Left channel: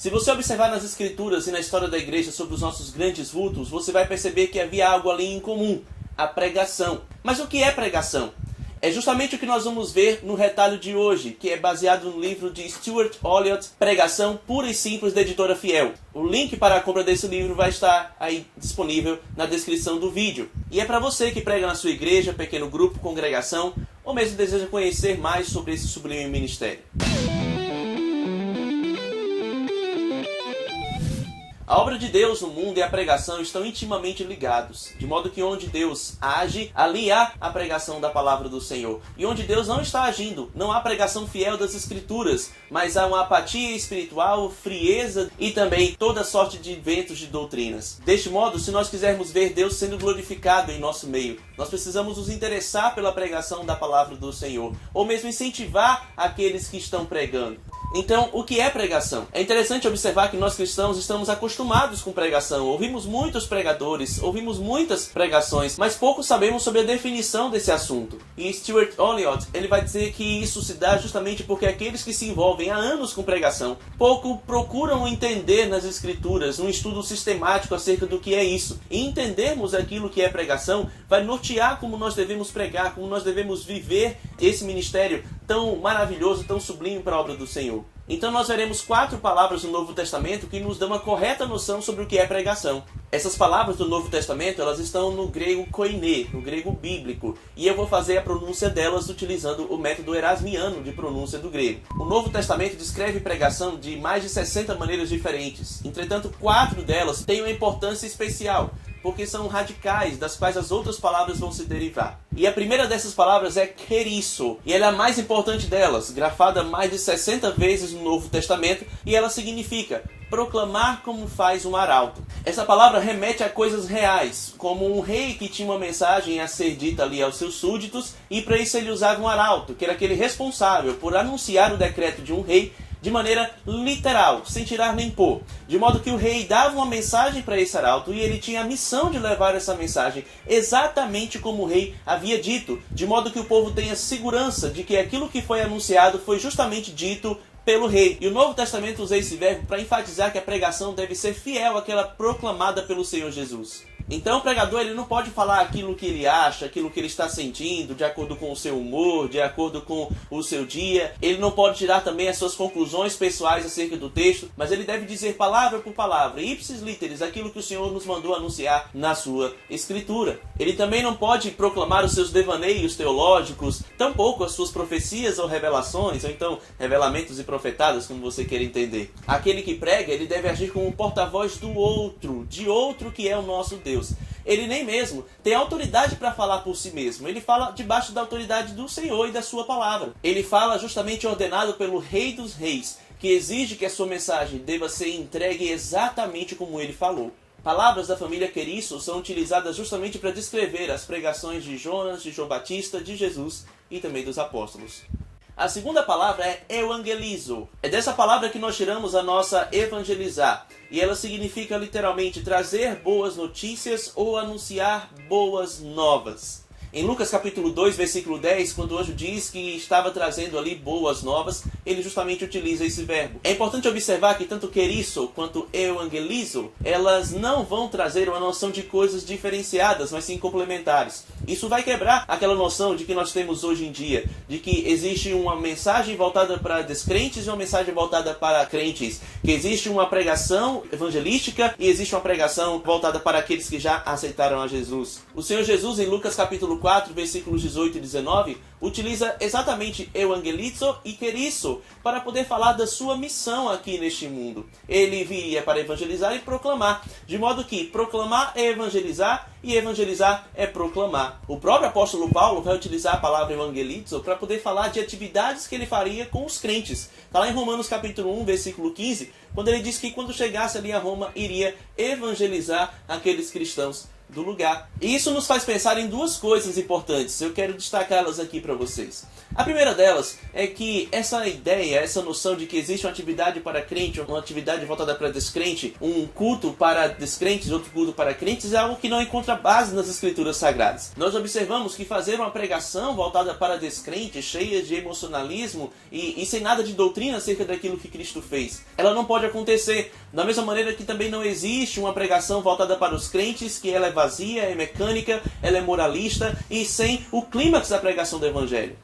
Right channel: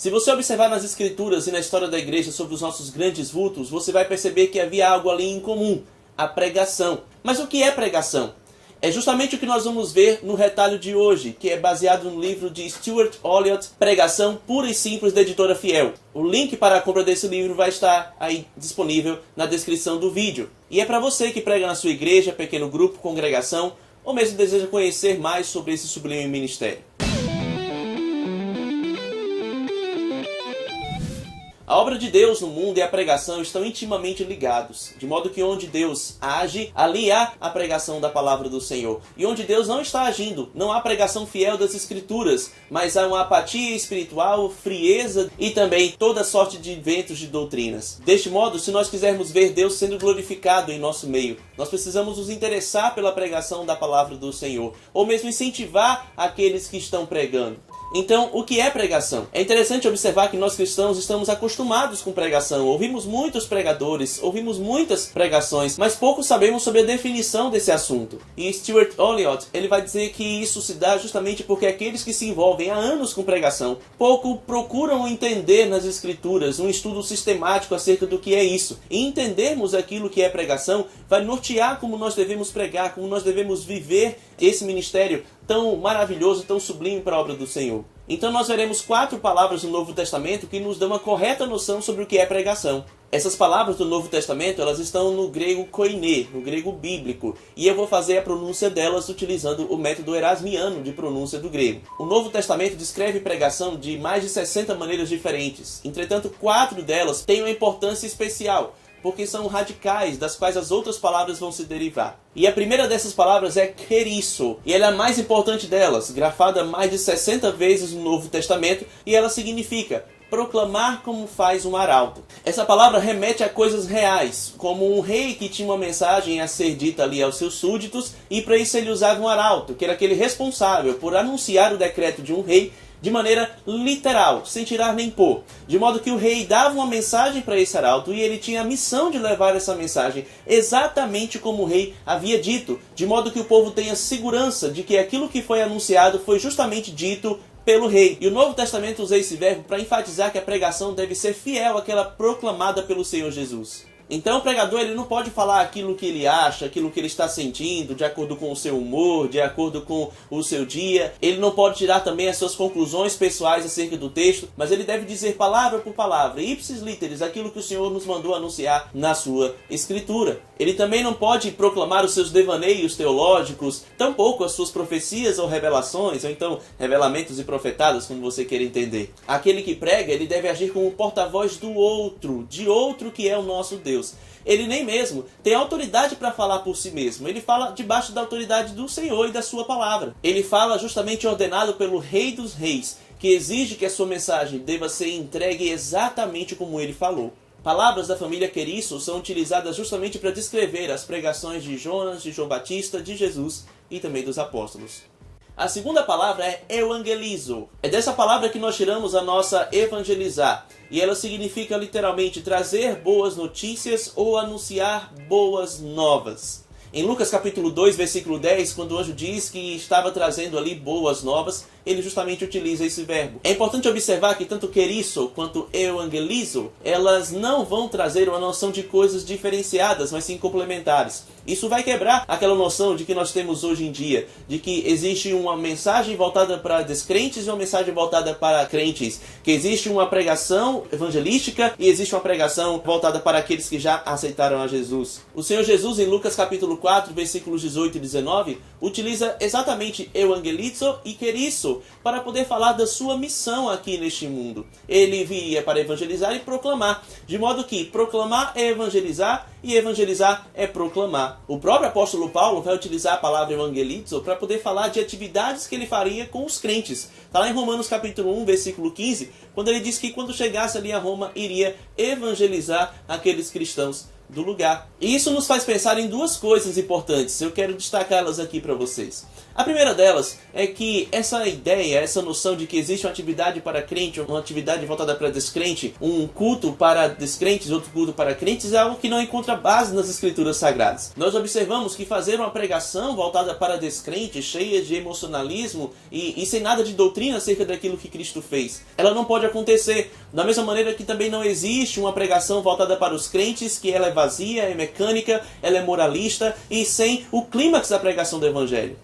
Se você observar nas escrituras e na história da igreja sobre os nossos grandes vultos, você vai perceber que havia algo ali em comum, a pregação. Mas o que é pregação? É justamente o que nós vamos ver no retalho de hoje, que é baseado no livro de Stuart Olyott, Pregação Pura e Simples, da editora Fiel. O link para a compra desse livro vai estar aí disponível na descrição do vídeo. E é para você que prega na sua igreja, pequeno grupo, congregação, ou mesmo deseja conhecer mais sobre esse sublime ministério. A obra de Deus no mundo e a pregação estão intimamente ligados, de modo que onde Deus age, ali há a pregação da palavra do Senhor. E onde Deus não está agindo, não há pregação fiel das Escrituras, mas há uma apatia espiritual, frieza e também toda sorte de ventos de doutrinas. Deste modo, se nós quisermos ver Deus sendo glorificado em nosso meio, nós precisamos nos interessar pela pregação da palavra do Senhor, ou mesmo incentivar aqueles que estão pregando. Então, o que é pregação? É interessante observar que nós cristãos estamos acostumados com pregação. Ouvimos muitos pregadores, ouvimos muitas pregações, mas pouco sabemos sobre a definição desse assunto. E Stuart Olyott, ele vai dizer que isso se dá justamente porque aqueles que se envolvem há anos com pregação pouco procuram entender nas escrituras, um estudo sistemático acerca do que é isso. E entendermos aquilo que é pregação vai nortear como nós devemos pregar, como nós devemos viver esse ministério tão maravilhoso, tão sublime para a obra do Senhor. Então nós veremos 4 palavras no Novo Testamento que nos dão uma correta noção sobre o que é pregação. Essas palavras do Novo Testamento, elas estão no grego koiné, no grego bíblico, e eu vou fazer a pronúncia delas utilizando o método erasmiano de pronúncia do grego. O Novo Testamento descreve pregação de mais de 60 maneiras diferentes. Entretanto, 4 delas têm uma importância especial, porque são radicais, das quais as outras palavras vão se derivar. E a primeira dessas palavras é kerisso, e ela é a mais importante delas, grafada mais de 60 vezes no Novo Testamento, e ela significa proclamar como faz um arauto. Essa palavra remete a coisas reais, como um rei que tinha uma mensagem a ser dita ali aos seus súditos, e para isso ele usava um arauto, que era aquele responsável por anunciar o decreto de um rei de maneira literal, sem tirar nem pôr. De modo que o rei dava uma mensagem para esse arauto e ele tinha a missão de levar essa mensagem exatamente como o rei havia dito, de modo que o povo tenha segurança de que aquilo que foi anunciado foi justamente dito pelo rei. E o Novo Testamento usa esse verbo para enfatizar que a pregação deve ser fiel àquela proclamada pelo Senhor Jesus. Então o pregador ele não pode falar aquilo que ele acha, aquilo que ele está sentindo, de acordo com o seu humor, de acordo com o seu dia. Ele não pode tirar também as suas conclusões pessoais acerca do texto, mas ele deve dizer palavra por palavra, ipsis literis, aquilo que o Senhor nos mandou anunciar na sua Escritura. Ele também não pode proclamar os seus devaneios teológicos, tampouco as suas profecias ou revelações, ou então revelamentos e profetadas, como você queira entender. Aquele que prega, ele deve agir como porta-voz do outro, de outro que é o nosso Deus. Ele nem mesmo tem autoridade para falar por si mesmo. Ele fala debaixo da autoridade do Senhor e da sua palavra. Ele fala justamente ordenado pelo Rei dos Reis, que exige que a sua mensagem deva ser entregue exatamente como ele falou. Palavras da família Kerisso são utilizadas justamente para descrever as pregações de Jonas, de João Batista, de Jesus e também dos apóstolos. A segunda palavra é euangelizo. É dessa palavra que nós tiramos a nossa evangelizar. E ela significa literalmente trazer boas notícias ou anunciar boas novas. Em Lucas capítulo 2, versículo 10, quando o anjo diz que estava trazendo ali boas novas, ele justamente utiliza esse verbo. É importante observar que tanto kerisso quanto euangelizo, elas não vão trazer uma noção de coisas diferenciadas, mas sim complementares. Isso vai quebrar aquela noção de que nós temos hoje em dia, de que existe uma mensagem voltada para descrentes e uma mensagem voltada para crentes, que existe uma pregação evangelística e existe uma pregação voltada para aqueles que já aceitaram a Jesus. O Senhor Jesus, em Lucas capítulo 4, versículos 18 e 19, utiliza exatamente euangelizo e kerisso para poder falar da sua missão aqui neste mundo. Ele viria para evangelizar e proclamar, de modo que proclamar é evangelizar e evangelizar é proclamar. O próprio apóstolo Paulo vai utilizar a palavra evangelizo para poder falar de atividades que ele faria com os crentes. Está lá em Romanos capítulo 1, versículo 15, quando ele diz que quando chegasse ali a Roma, iria evangelizar aqueles cristãos do lugar. E isso nos faz pensar em duas coisas importantes. Eu quero destacá-las aqui para vocês. A primeira delas é que essa ideia, essa noção de que existe uma atividade para crente, uma atividade voltada para descrente, um culto para descrentes, outro culto para crentes, é algo que não encontra base nas Escrituras Sagradas. Nós observamos que fazer uma pregação voltada para descrentes, cheia de emocionalismo e sem nada de doutrina acerca daquilo que Cristo fez, ela não pode acontecer. Da mesma maneira que também não existe uma pregação voltada para os crentes, que ela é vazia, é mecânica, ela é moralista e sem o clímax da pregação do Evangelho.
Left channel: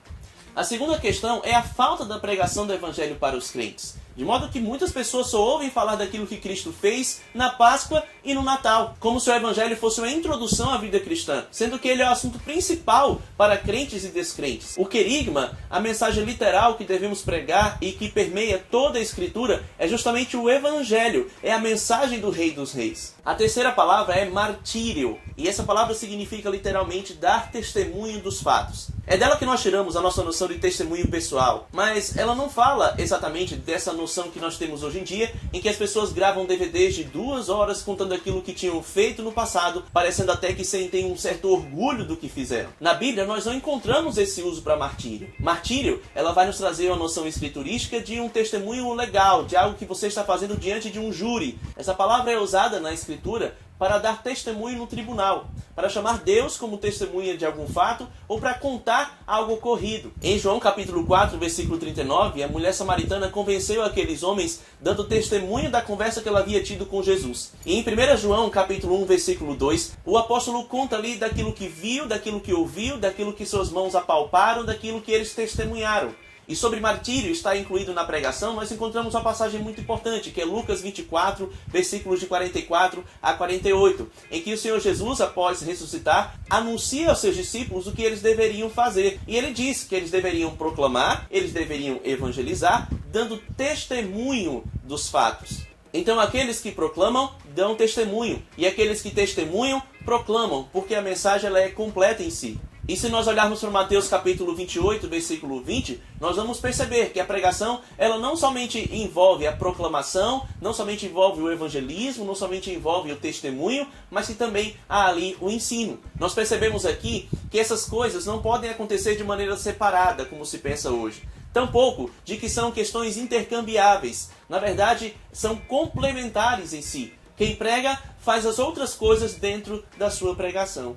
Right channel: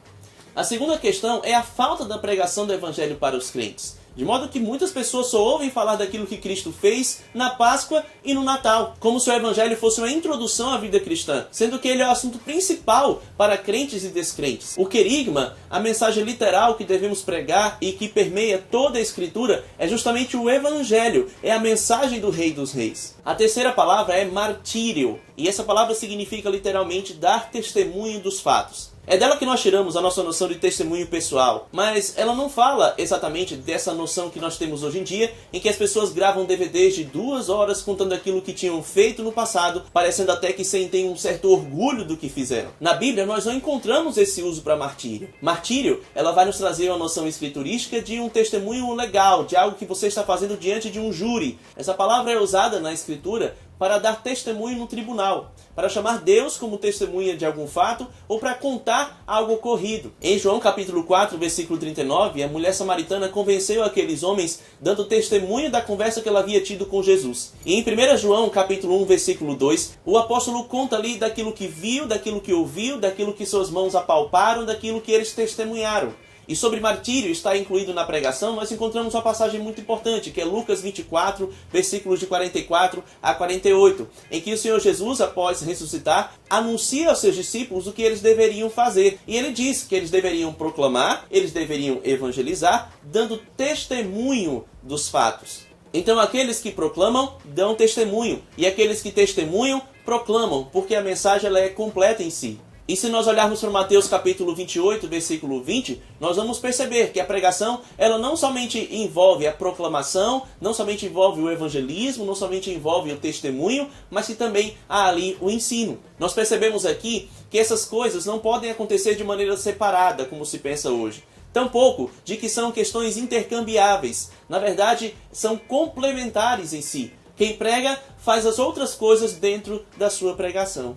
A segunda questão é a falta da pregação do Evangelho para os crentes. De modo que muitas pessoas só ouvem falar daquilo que Cristo fez na Páscoa e no Natal, como se o Evangelho fosse uma introdução à vida cristã, sendo que ele é o assunto principal para crentes e descrentes. O querigma, a mensagem literal que devemos pregar e que permeia toda a Escritura, é justamente o Evangelho, é a mensagem do Rei dos Reis. A terceira palavra é martírio, e essa palavra significa literalmente dar testemunho dos fatos. É dela que nós tiramos a nossa noção de testemunho pessoal, mas ela não fala exatamente dessa noção que nós temos hoje em dia, em que as pessoas gravam DVDs de 2 horas contando aquilo que tinham feito no passado, parecendo até que sentem um certo orgulho do que fizeram. Na Bíblia nós não encontramos esse uso para martírio. Martírio, ela vai nos trazer uma noção escriturística de um testemunho legal, de algo que você está fazendo diante de um júri. Essa palavra é usada na Escritura para dar testemunho no tribunal, para chamar Deus como testemunha de algum fato ou para contar algo ocorrido. Em João capítulo 4, versículo 39, a mulher samaritana convenceu aqueles homens dando testemunho da conversa que ela havia tido com Jesus. E em 1 João capítulo 1, versículo 2, o apóstolo conta ali daquilo que viu, daquilo que ouviu, daquilo que suas mãos apalparam, daquilo que eles testemunharam. E sobre martírio está incluído na pregação, nós encontramos uma passagem muito importante, que é Lucas 24, versículos de 44 a 48, em que o Senhor Jesus, após ressuscitar, anuncia aos seus discípulos o que eles deveriam fazer. E ele diz que eles deveriam proclamar, eles deveriam evangelizar, dando testemunho dos fatos. Então aqueles que proclamam, dão testemunho, e aqueles que testemunham, proclamam, porque a mensagem ela é completa em si. E se nós olharmos para Mateus capítulo 28, versículo 20, nós vamos perceber que a pregação, ela não somente envolve a proclamação, não somente envolve o evangelismo, não somente envolve o testemunho, mas que também há ali o ensino. Nós percebemos aqui que essas coisas não podem acontecer de maneira separada, como se pensa hoje. Tampouco de que são questões intercambiáveis. Na verdade, são complementares em si. Quem prega faz as outras coisas dentro da sua pregação.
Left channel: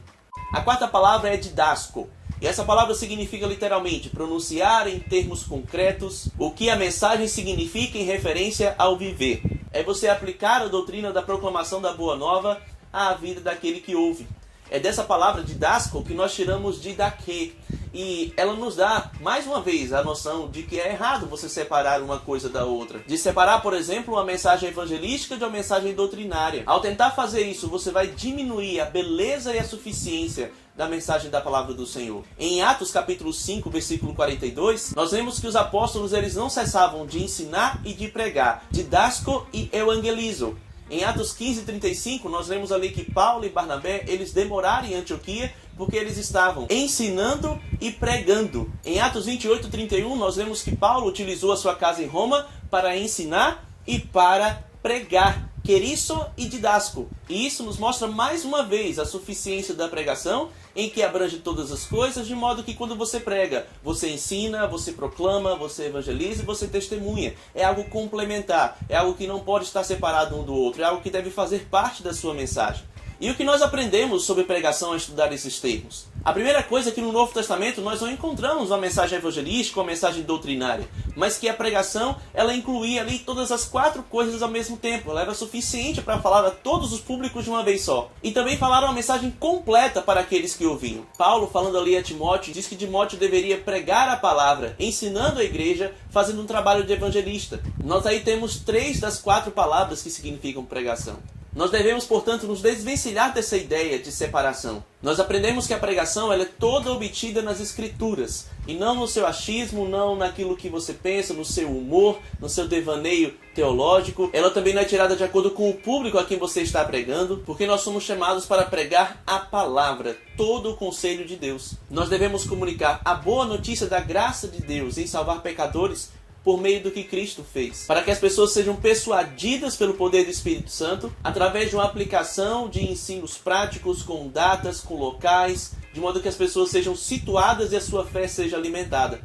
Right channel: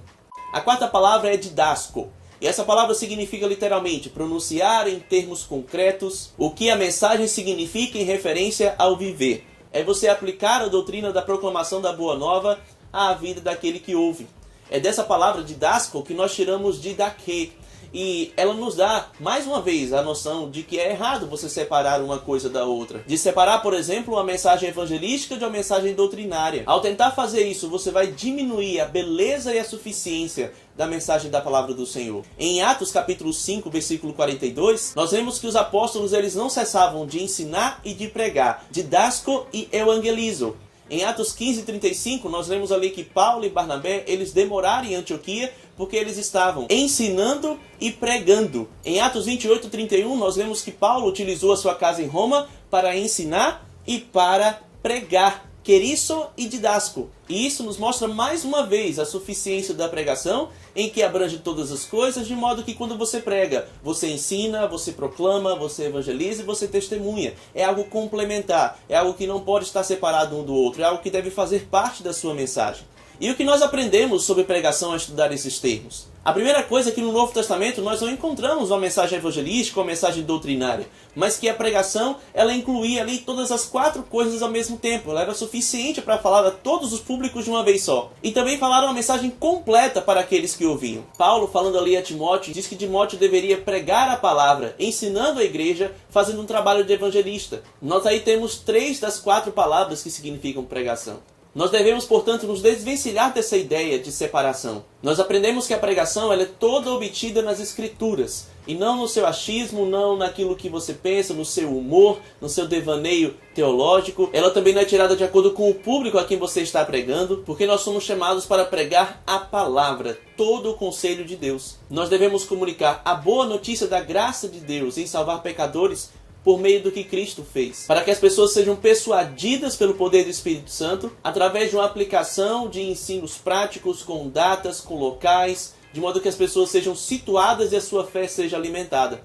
A quarta palavra é didasco, e essa palavra significa literalmente pronunciar em termos concretos o que a mensagem significa em referência ao viver. É você aplicar a doutrina da proclamação da Boa Nova à vida daquele que ouve. É dessa palavra didasco que nós tiramos didaquê, e ela nos dá, mais uma vez, a noção de que é errado você separar uma coisa da outra. De separar, por exemplo, uma mensagem evangelística de uma mensagem doutrinária. Ao tentar fazer isso, você vai diminuir a beleza e a suficiência da mensagem da palavra do Senhor. Em Atos capítulo 5, versículo 42, nós vemos que os apóstolos eles não cessavam de ensinar e de pregar, didasco e evangelizo. Em Atos 15:35, nós lemos ali que Paulo e Barnabé, eles demoraram em Antioquia porque eles estavam ensinando e pregando. Em Atos 28:31, nós lemos que Paulo utilizou a sua casa em Roma para ensinar e para pregar. Querisso e didasco. E isso nos mostra mais uma vez a suficiência da pregação, em que abrange todas as coisas, de modo que quando você prega, você ensina, você proclama, você evangeliza e você testemunha. É algo complementar, é algo que não pode estar separado um do outro, é algo que deve fazer parte da sua mensagem. E o que nós aprendemos sobre pregação ao estudar esses termos? A primeira coisa é que no Novo Testamento nós não encontramos uma mensagem evangelística, uma mensagem doutrinária, mas que a pregação ela incluía ali todas as 4 coisas ao mesmo tempo. Ela era suficiente para falar a todos os públicos de uma vez só. E também falaram uma mensagem completa para aqueles que ouviam. Paulo, falando ali a Timóteo, diz que Timóteo deveria pregar a palavra, ensinando a igreja, fazendo um trabalho de evangelista. Nós aí temos 3 das 4 palavras que significam pregação. Nós devemos, portanto, nos desvencilhar dessa ideia de separação. Nós aprendemos que a pregação ela é toda obtida nas Escrituras, e não no seu achismo, não naquilo que você pensa, no seu humor, no seu devaneio teológico. Ela também não é tirada de acordo com o público a quem você está pregando, porque nós somos chamados para pregar a palavra, todo o conselho de Deus. Nós devemos comunicar a boa notícia da graça de Deus em salvar pecadores por meio do que Cristo fez, para que as pessoas sejam persuadidas pelo poder do Espírito Santo através de uma aplicação de ensinos práticos com datas, com locais, de modo que as pessoas sejam situadas e a sua fé seja alimentada.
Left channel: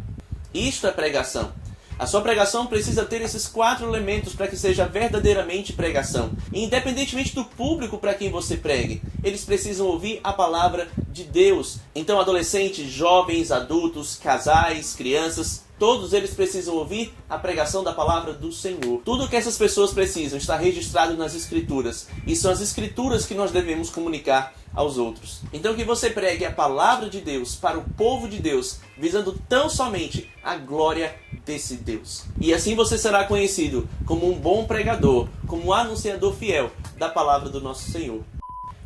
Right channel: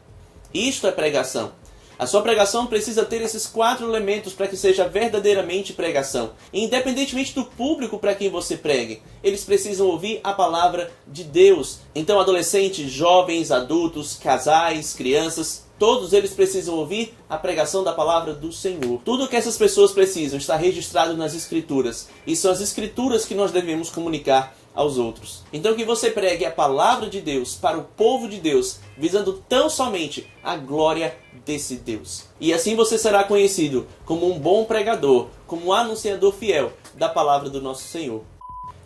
Isto é pregação. A sua pregação precisa ter esses 4 elementos para que seja verdadeiramente pregação. E independentemente do público para quem você pregue, eles precisam ouvir a palavra de Deus. Então, adolescentes, jovens, adultos, casais, crianças, todos eles precisam ouvir a pregação da palavra do Senhor. Tudo que essas pessoas precisam está registrado nas Escrituras. E são as Escrituras que nós devemos comunicar aos outros. Então que você pregue a palavra de Deus para o povo de Deus, visando tão somente a glória desse Deus. E assim você será conhecido como um bom pregador, como um anunciador fiel da palavra do nosso Senhor.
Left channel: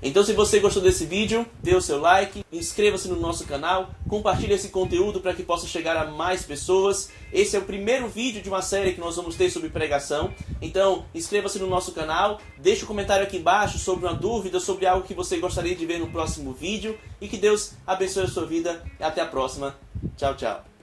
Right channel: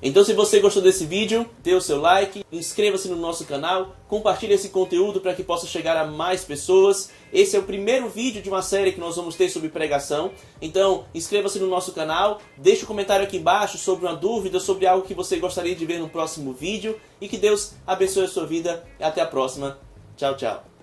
Então, se você gostou desse vídeo, dê o seu like, inscreva-se no nosso canal, compartilhe esse conteúdo para que possa chegar a mais pessoas. Esse é o primeiro vídeo de uma série que nós vamos ter sobre pregação. Então, inscreva-se no nosso canal, deixe um comentário aqui embaixo sobre uma dúvida, sobre algo que você gostaria de ver no próximo vídeo. E que Deus abençoe a sua vida. Até a próxima. Tchau, tchau.